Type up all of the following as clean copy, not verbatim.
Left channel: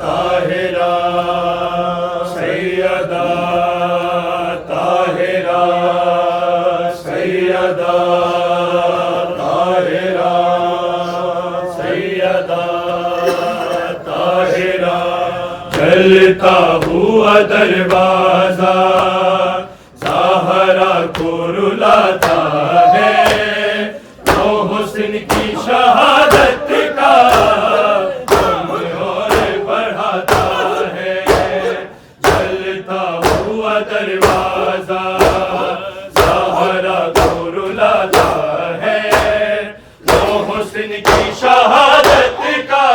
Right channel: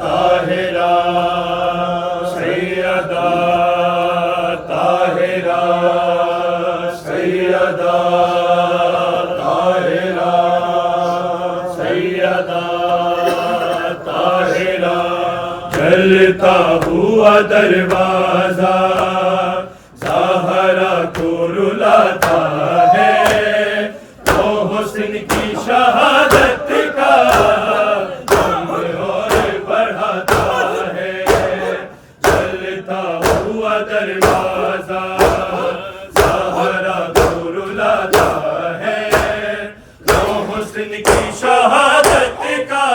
ताहिरा सैयदा ताहिरा सैयदा ताहिरा सैयदा ताहिरा चलता हुआ दरवाजा ज़हरा को रुलाता है तो हुस्न की शहादत का दम और बढ़ाता है। चलता हुआ दरवाजा ज़हरा को रुलाता है तो हुस्न की शहादत का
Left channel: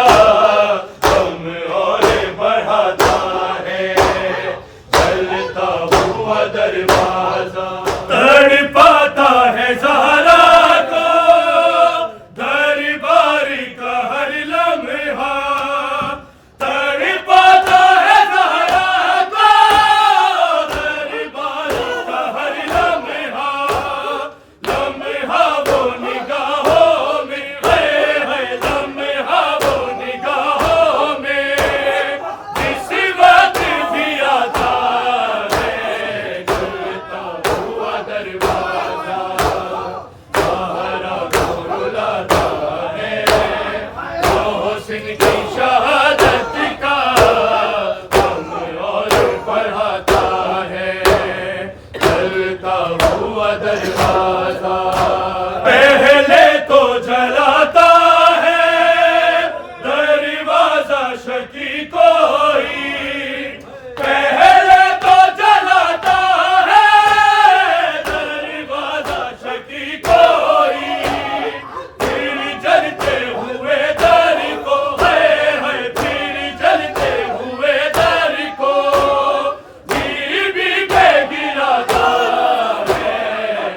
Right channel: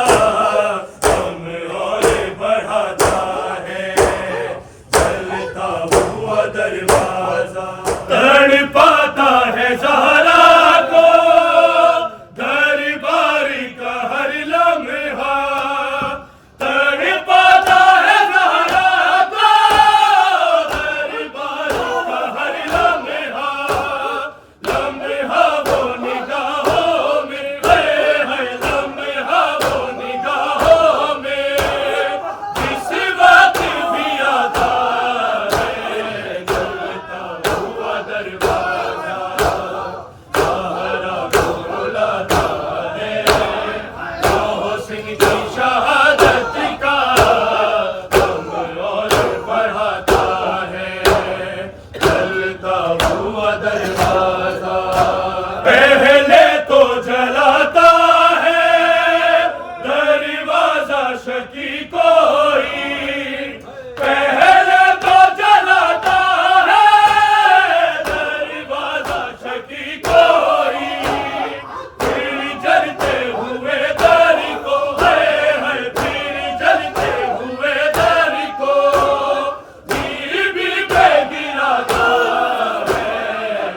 दम और बढ़ाता है। चलता हुआ दरवाजा तड़पाता है ज़हरा को दरबार का हर लम्हा तड़पाता है ज़हरा को दरबार का हर लम्हा लम्हा वो निगाहों में है लम्हा वो निगाहों में जिस वक्त भी आता है। चलता हुआ दरवाजा ज़हरा को रुलाता है तो हुस्न की शहादत का दम और बढ़ाता है। चलता हुआ दरवाजा पहले तो जलाता है दरवाजा शकी कोई पहले तो जलाता है दरवाजा शकी कोई फिर जलते हुए दर को है फिर जलते हुए दर को बीबी पे गिराता है।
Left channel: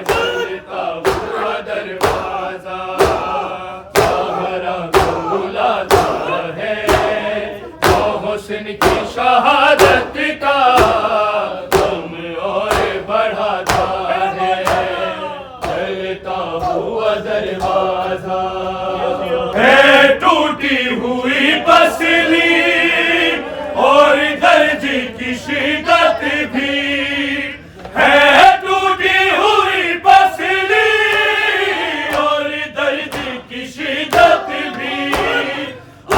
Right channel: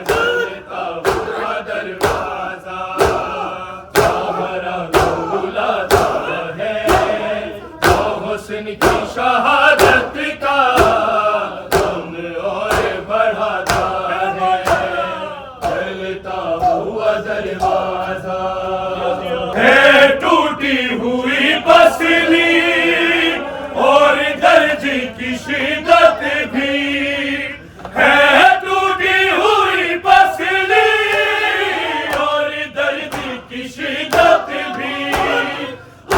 चलता हुआ दरवाजा ज़हरा को रुलाता है तो हुस्न की शहादत का दम और बढ़ाता है। चलता हुआ दरवाजा है टूटी हुई पसली और दर्द की शिद्दत भी है टूटी हुई पसली और दर्द की शिद्दत भी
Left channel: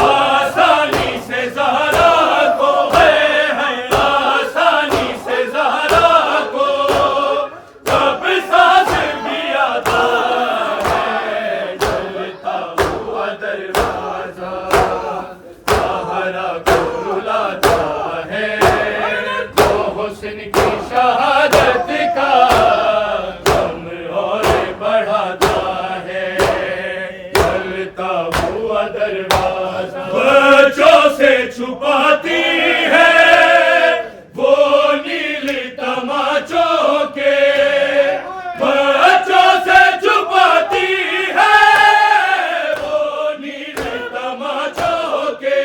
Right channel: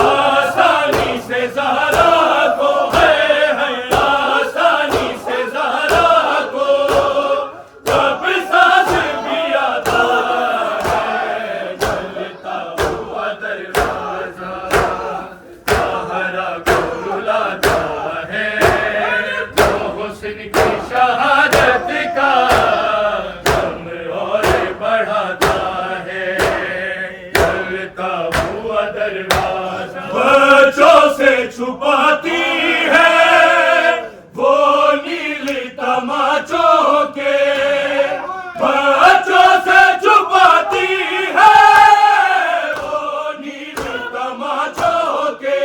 आसानी से ज़हरा को है आसानी से ज़हरा को कब सांस भी आता है। चलता हुआ दरवाजा ज़हरा को रुलाता है तो हुस्न की शहादत का दम और बढ़ाता है। चलता हुआ दरवाजा बच्चों से छुपाती है वो नील तमाचों के बच्चों से छुपाती है वो नील तमाचों के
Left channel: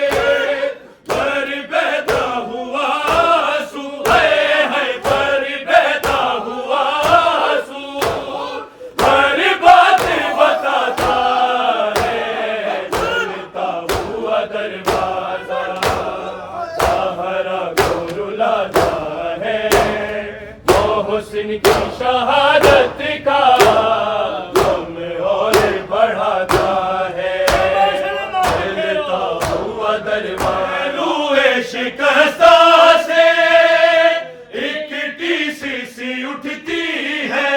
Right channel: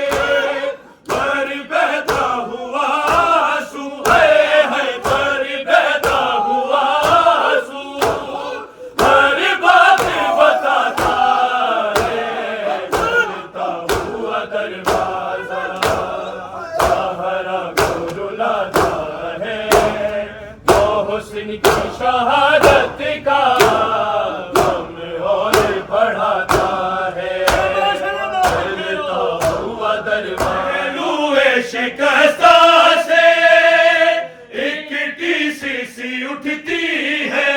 पर बहता हुआ आंसू है पर बहता हुआ आंसू हर बात बताता है। चलता हुआ दरवाजा ज़हरा को रुलाता है तो हुस्न की शहादत का दम और बढ़ाता है। चलता हुआ दरवाजा लूए शिकस्ता से एक टीस सी उठती है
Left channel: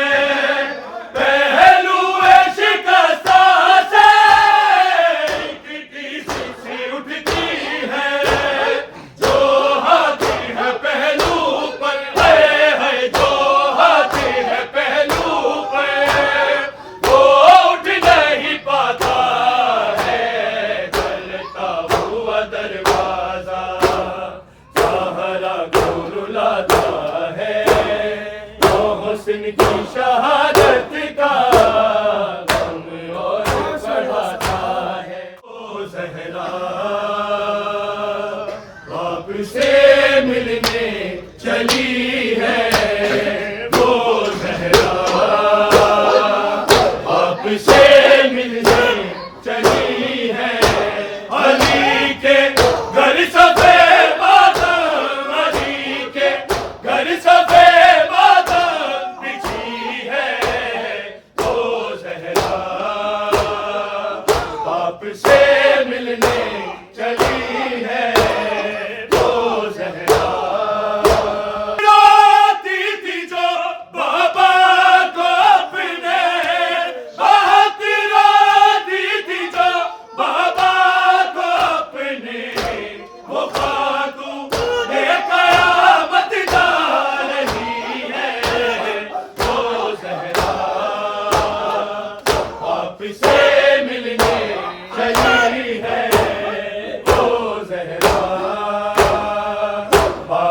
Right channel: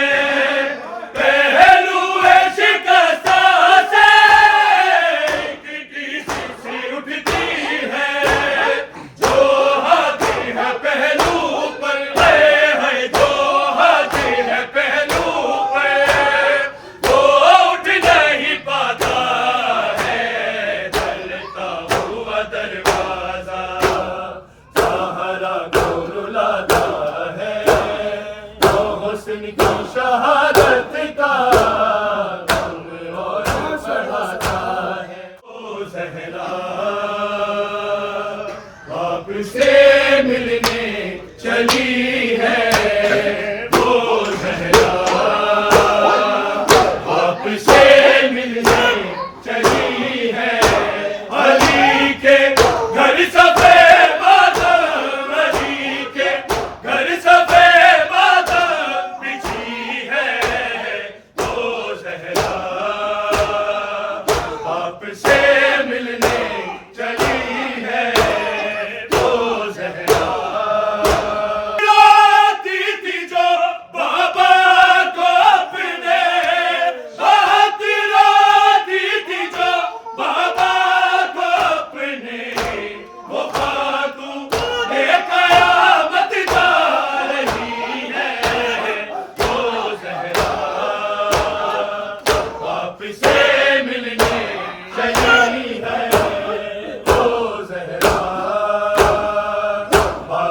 पहलुए शिकस्ता से एक टीस सी उठती है जो हाथी है पहलू पर है जो हाथी है पहलू पर वो उठ नहीं पाता है। चलता हुआ दरवाजा ज़हरा को रुलाता है तो हुस्न की शहादत का दम और बढ़ाता है। ओ ज़हरा बाप से मिलने चली है वो ज़हरा बाप से मिलने चली है अली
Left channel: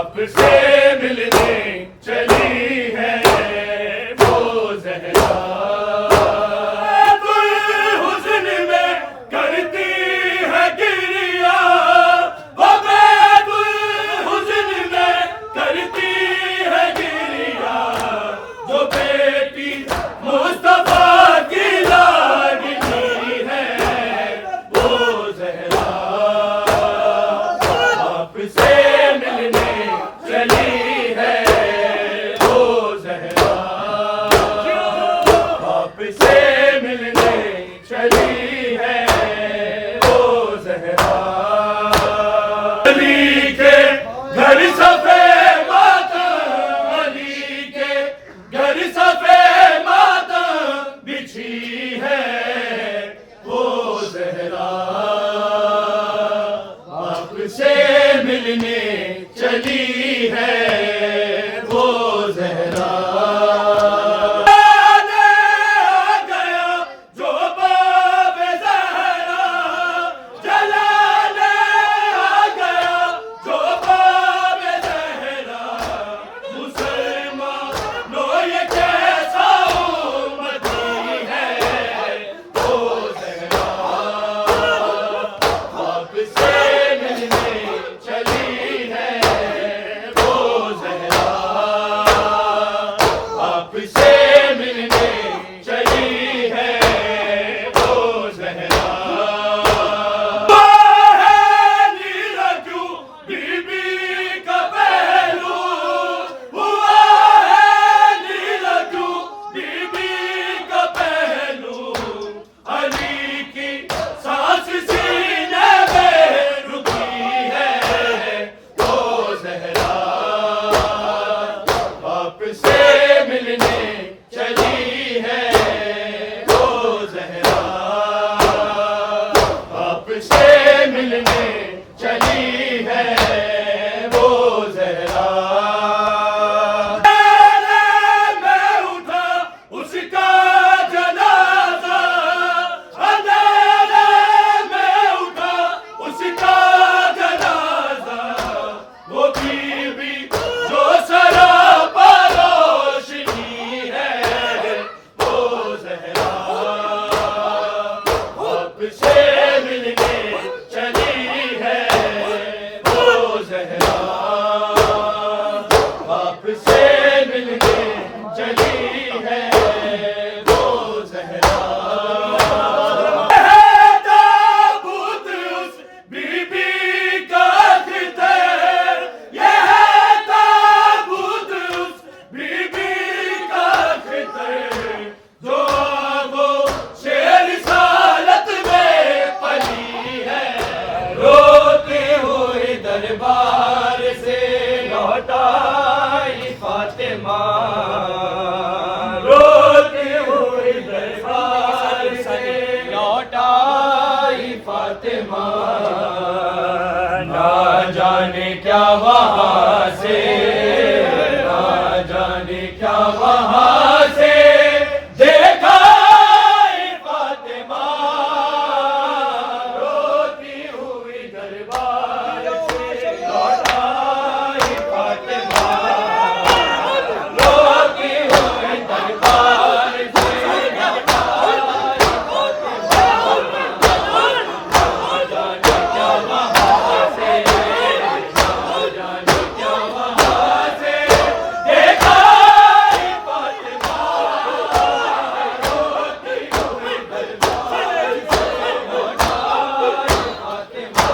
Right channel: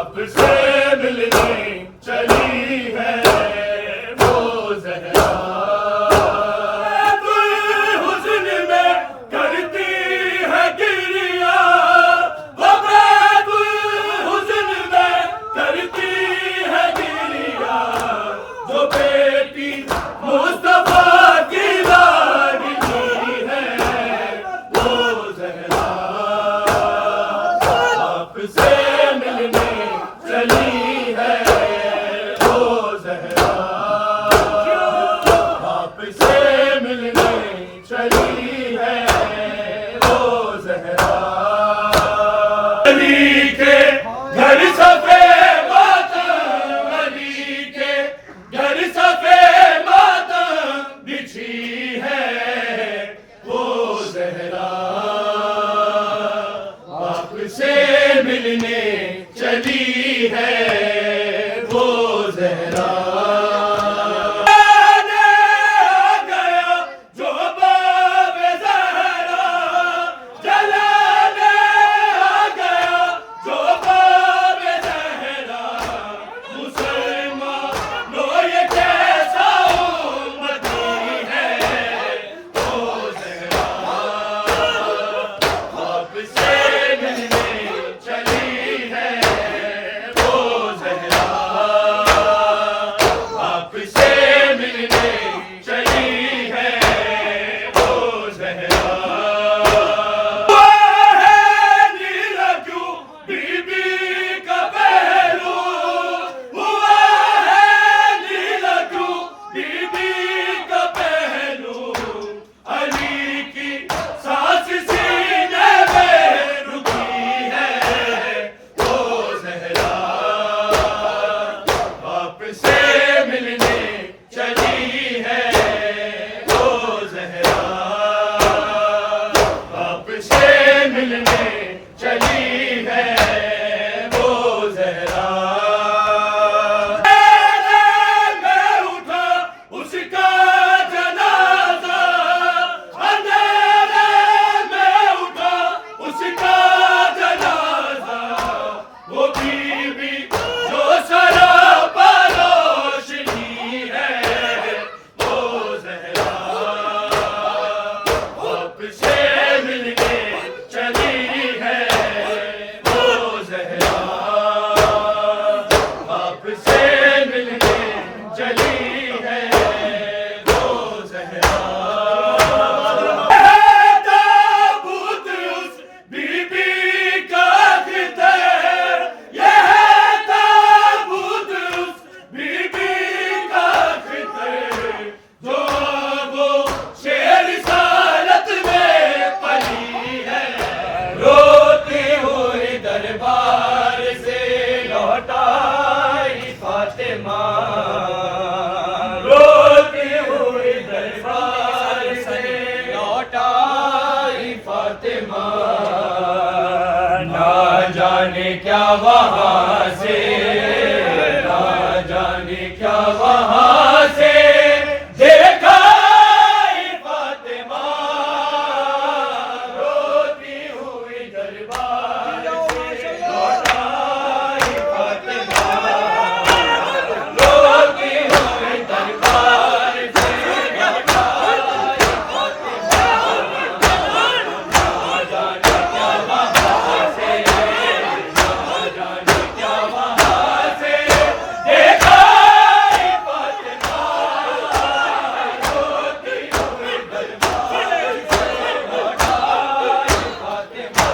आपसे मिलने चली है वो ज़हरा। गुल हुस्न में करती है गिरिया, वो बेगुल हुस्न में करती है गिरिया, जो बेटी मुस्तफा की लाडली है वो ज़हरा। आपसे मिलने चली है वो ज़हरा। आपसे मिलने चली है वो ज़हरा। अली के घर सफे मातम, अली के घर सफे मातम बिछी है वो ज़हरा। आपसे मिलने चली है वो ज़हरा। गया जो बाबे ज़हरा, जलाने आ गया जो बाबे ज़हरा। मुसलमानों ये कैसा उम्मती है वो ज़हरा। आपसे मिलने चली है वो ज़हरा। आपसे मिलने चली है वो ज़हरा। वो है नीरजू बीबी का पहलू, हुआ है नीरजू बीबी का पहलू। अली की सांस सीने में रुकी है वो ज़हरा। आपसे मिलने चली है वो ज़हरा। आपसे मिलने चली है वो ज़हरा। मैं उठा उसका जनाजा, अंधेरे में उठा उसका जनाजा। वो बीबी जो सरापा रोशनी है वो ज़हरा। आपसे मिलने चली है वो ज़हरा। आपसे मिलने चली है वो ज़हरा। ताबूत उस बीबी का खितर, यह ताबूत उस बीबी का खितर, जो वो शेर रिसालत में पली है। रोते हुए दरबार से लौटाई फातिमा, रोते हुए दरबार से लौटाई फातिमा। ना जाने क्या वहाँ से, ना जाने क्या वहाँ से देखा ये फातिमा। रोती हुई दरबार से लौटाई फातिमा, रोती हुई दरबार से लौटाई फातिमा। ना जाने क्या वहाँ से, ना जाने क्या वहाँ से देखा ये फातिमा। रोती हुई दरबार से लौटाई फातिमा।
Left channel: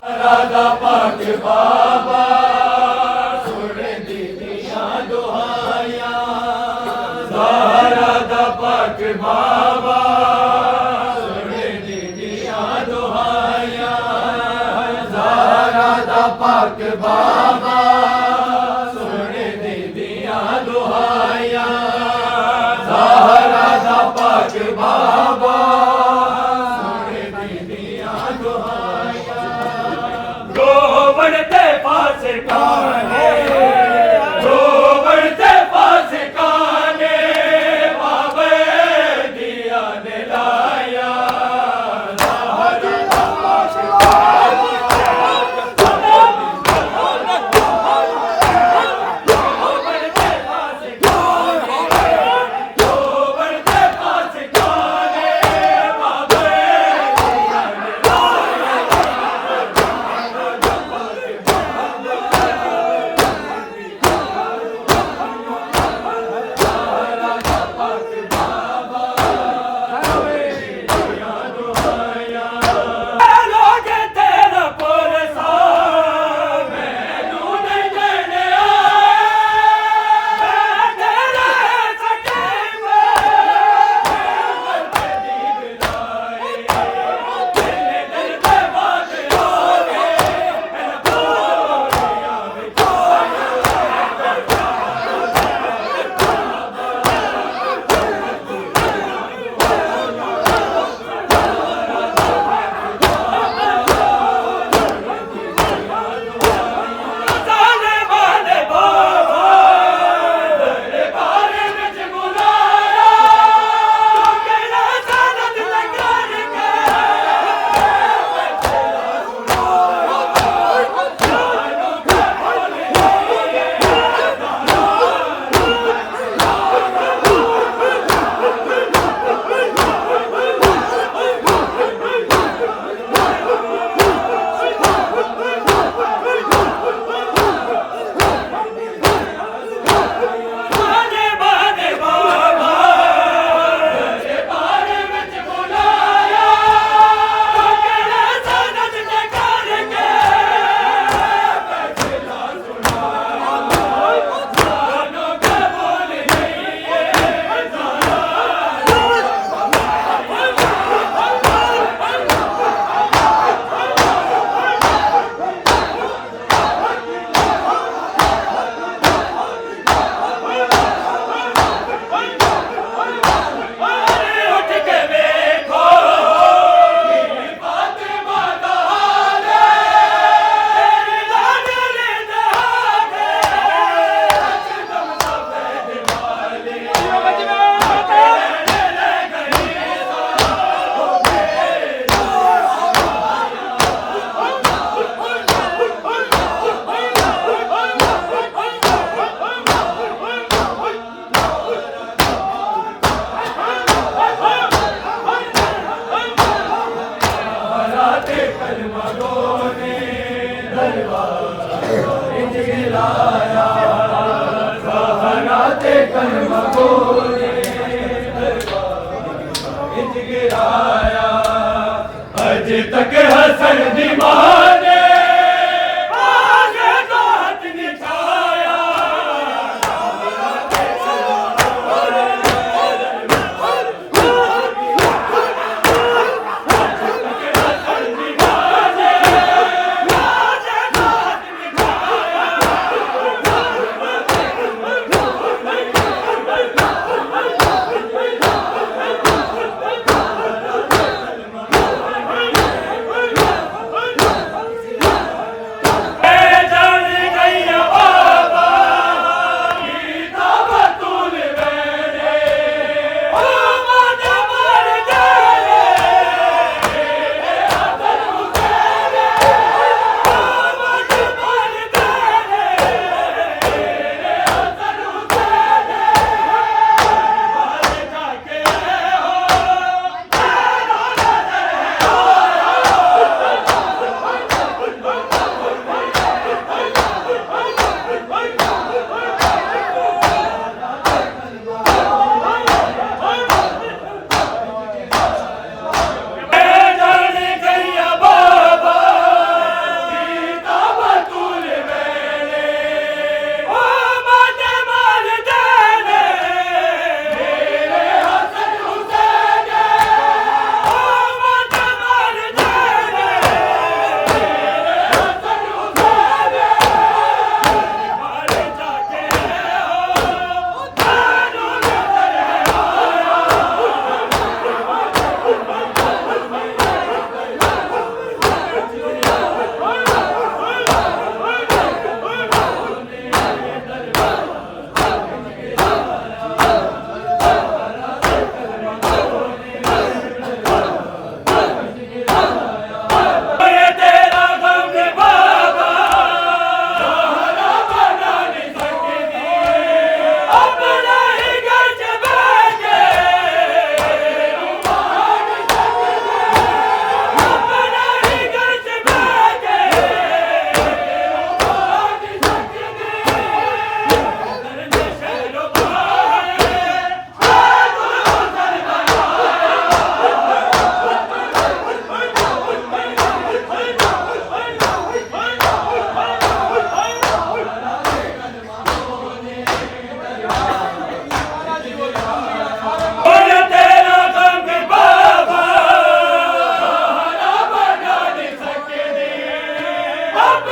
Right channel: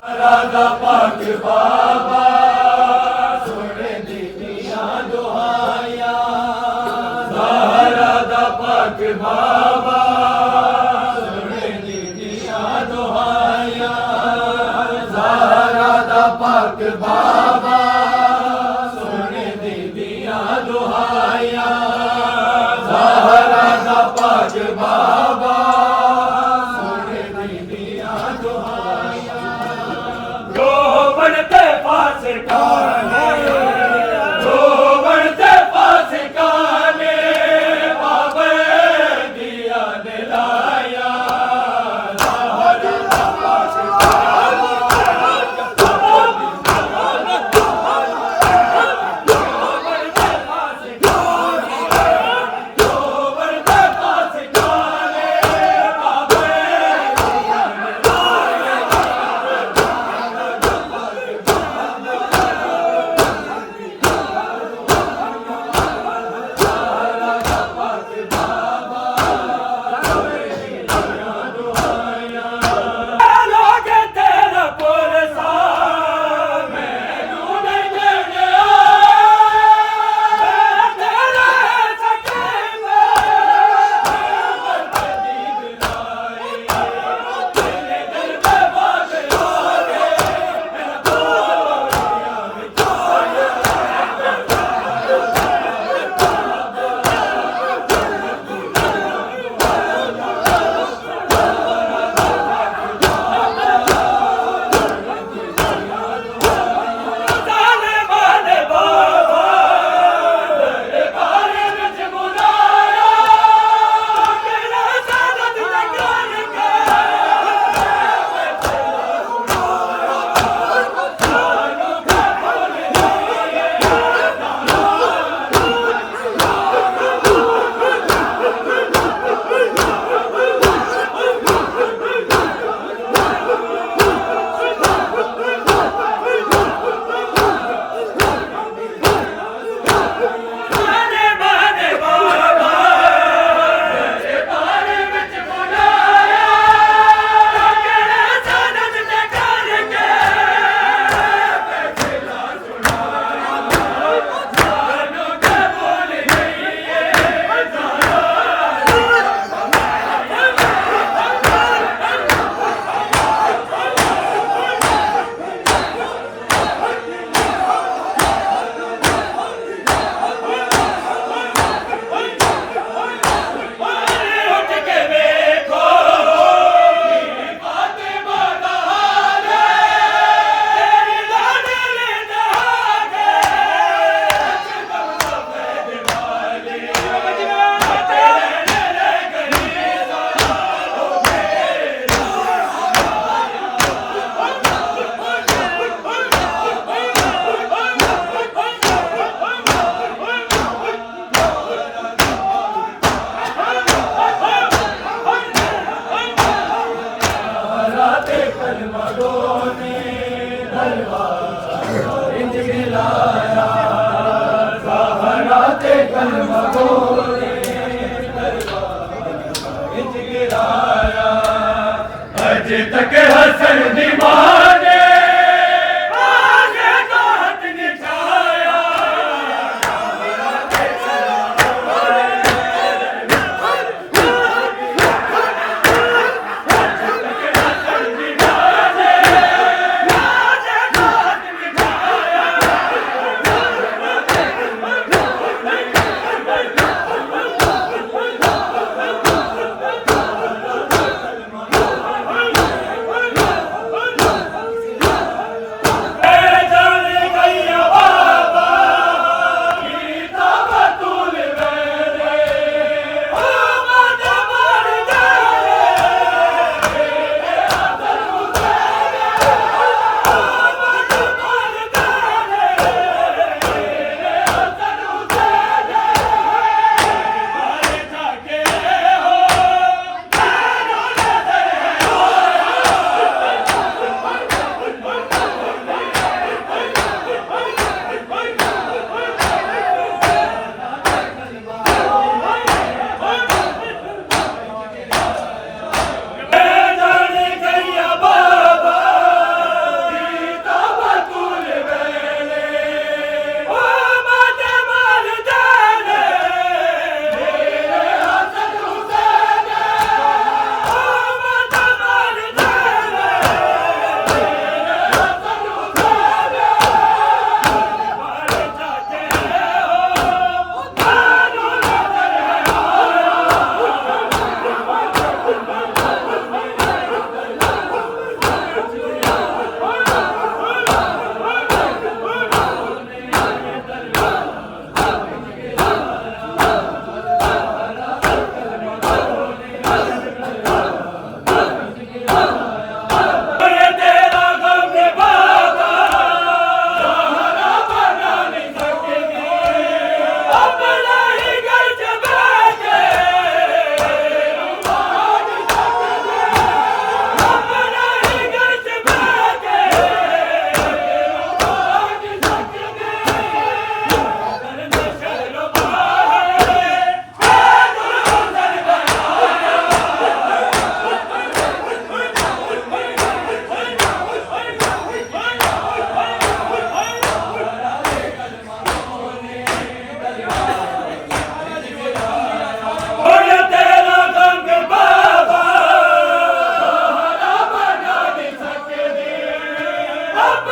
राधा पाक बाबा सुन दीदियां दुहाइयां राधा पाक बाबा सुन दीदियां दुहाइयां राधा पाक बाबा सुन दीदियां दुहाइयां राधा पाक बाबा गोवन ते पास काने गोवन ते पास काने बाबे दिया ने लाया राधा पास गोवन ते पास काने गोवन ते पास काने बाबे दिया ने अज तक हसन दीवाने आगे तो हाथ निछाया अब